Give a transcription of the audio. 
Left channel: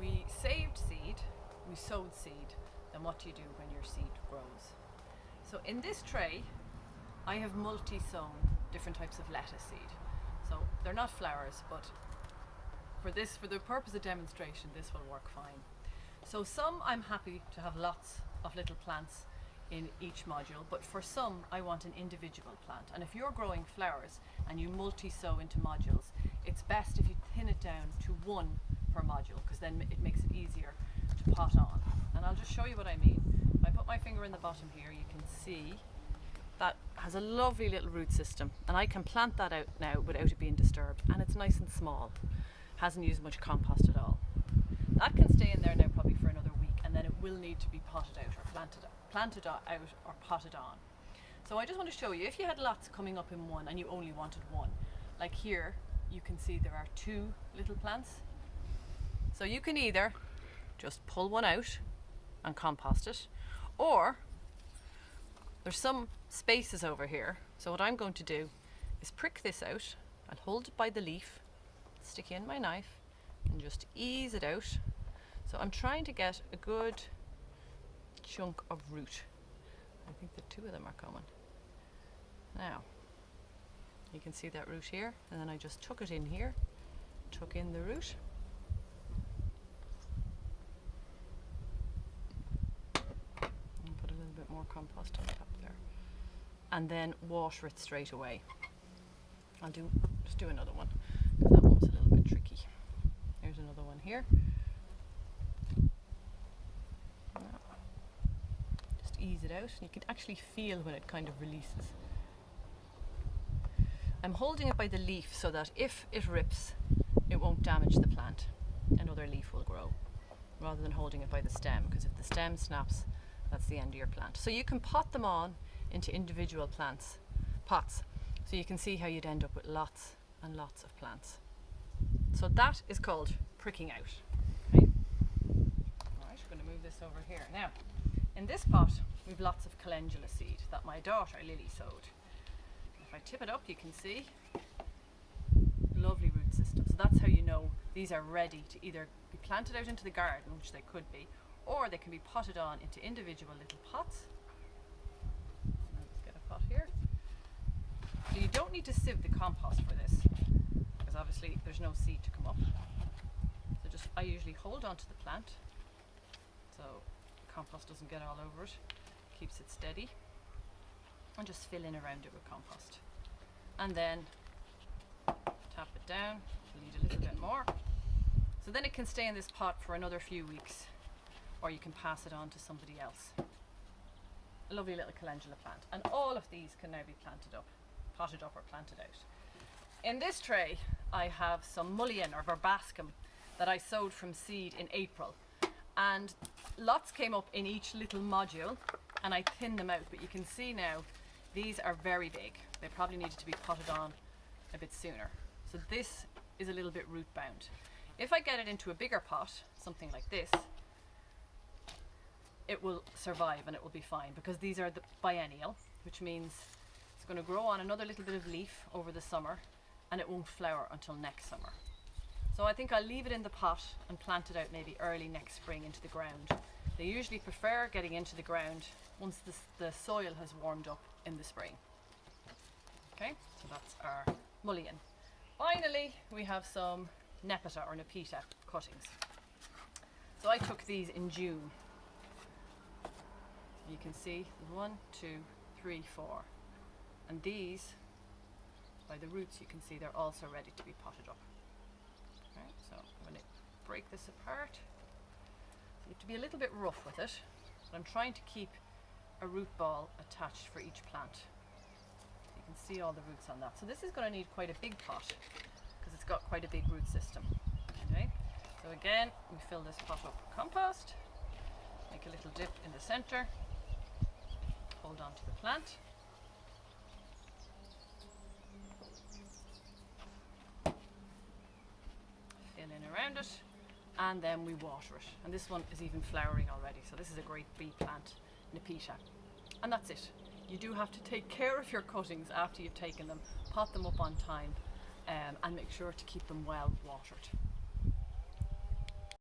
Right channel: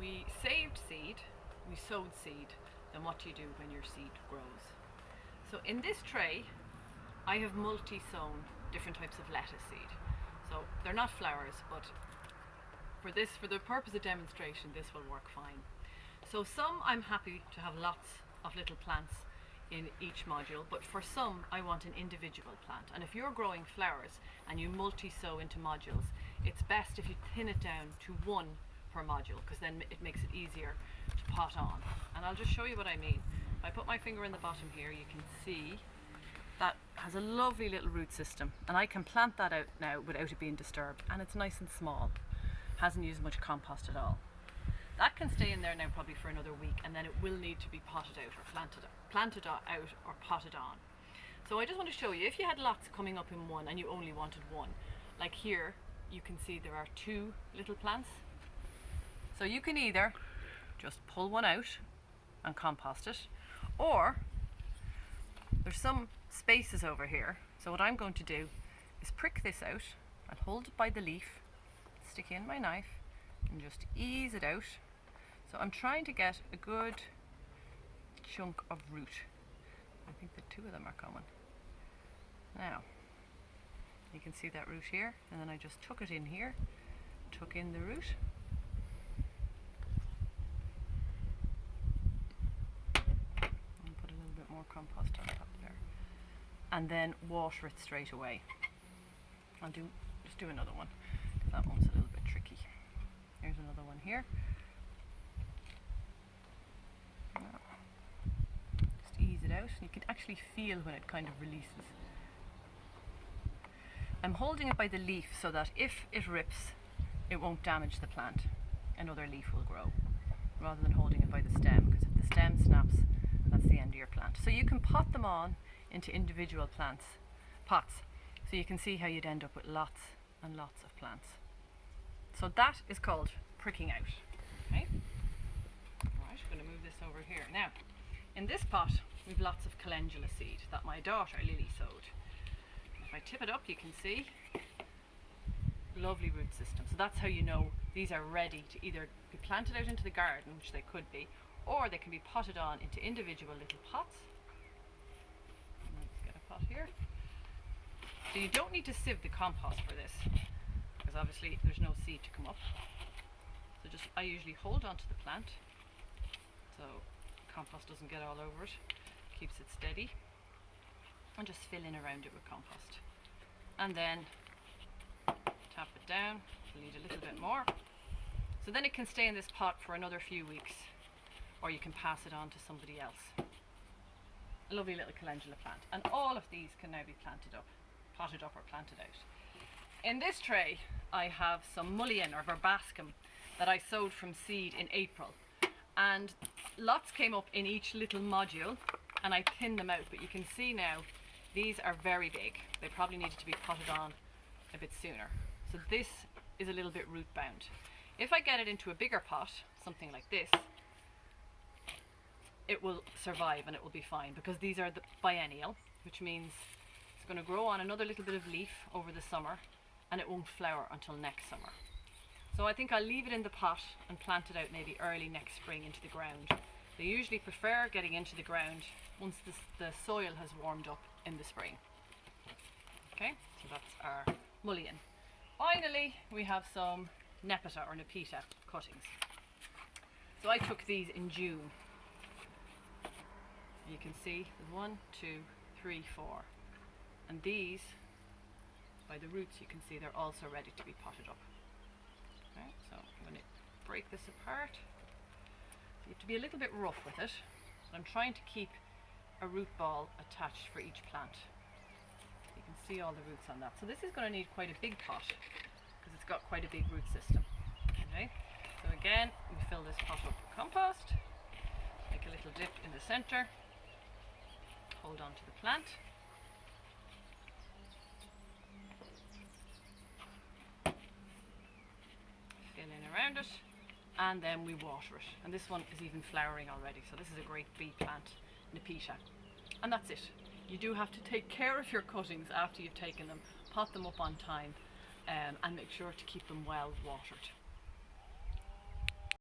we saved seed, we sowed seed, then what do you do when your seed grows? So in this tray, I have multi-sown different types of lettuce seed. So they're not flowers, but for the purpose of demonstration, this will work fine. So some I'm happy to have lots of little plants in each module, but for some I want an individual plant. And if you're growing flowers and you multi-sow into modules, it's best if you thin it down to one per module, because then it makes it easier to pot on. And I'll just show you what I mean. If I put my finger in the bottom here, you can see that has a lovely little root system, and I can plant that out now without it being disturbed, and it's nice and small, hasn't used much compost at all. That can stay in there now probably for another week, and then it will need to be potted out or planted out or potted on. So I just want to show you, if you had lots coming up in one and you only wanted one, like here you can see there are two little plants. So you can either just pull one out and compost it, or there's some spaces over here. So what I'm going to do is prick this out. I'll hold it by the leaf, stick in my knife and just ease it out. So I'm trying to get a good chunk of root. I think the two of them are coming. Now, you can see that root here, and then I just tuck it in here, tuck in the root. And put a little bit more compost on top there. And then water it straight away. I'll just do another one, because that one was a little bit tricky. Here's another one here. Just ease it out, and you can actually feel when it kind of releases. I'm holding it by the leaf so that if it rips, it won't damage the plant. Another leaf will grow, rather than holding it by the stem, because if the stem snaps, that's the end of your plant. So you can pot them on into individual pots, so you can see how you'd end up with lots and lots of plants. So that is called pricking out. Okay? Alright, I'm going to move this over here. Now, in this pot, we've lots of calendula seed that my daughter Lily sowed. If I tip it up, you can see lovely root system. So that's how you know these are ready to either be planted out into the garden, which they could be, or they can be potted on into individual little pots. Let's get a pot here. So you don't need to sieve the compost for this, because obviously there's no seed to come up. So I usually hold onto the plant so the compost doesn't get all over it, keeps it steady, and just fill in around it with compost. And then tap it down, leave a little bit more. So then it can stay in this pot for another few weeks, or you can pass it on to somebody else. A lovely little calendula plant. And all of these can now be potted up or planted out. In this tray, I have some mullein or verbascum that I sowed from seed in April. And lots came up in each little module, and I thinned them out, but you can see now these are very big. They probably needed to be potted on a bit sooner. So this is a little bit root bound. If I get it into a bigger pot, something like this, it will survive and it will be fine, because these are the biennial, which means it's going to grow on another little bit of leaf over the summer, and it won't flower until next summer. So I think I'll leave it in the pot and plant it out maybe early next spring into the ground. They usually prefer getting into the ground once the soil has warmed up in the spring. Okay, so that's our mullein. Finally, we have some nepeta or nepeta cuttings. So I took these in June. You can see 1, 2, 3, 4. And these, by the roots, you can see they're also ready to be potted up. Okay, so I'm going to break this apart. So you have to be a little bit rough with it. But I'm trying to keep a root ball attached for each plant. You can see all the roots on that. So this is going to need quite a big pot, because it's got quite a big root system. Okay, so again, we fill this pot up with compost, make a little dip in the center, hold on to the plant. Fill in around it, and then we water it. And this one is even flowering already, so this is a great bee plant, nepeta. And that's it. You do have to take care of your cuttings after you've taken them, pot them up on time, and make sure to keep them well watered.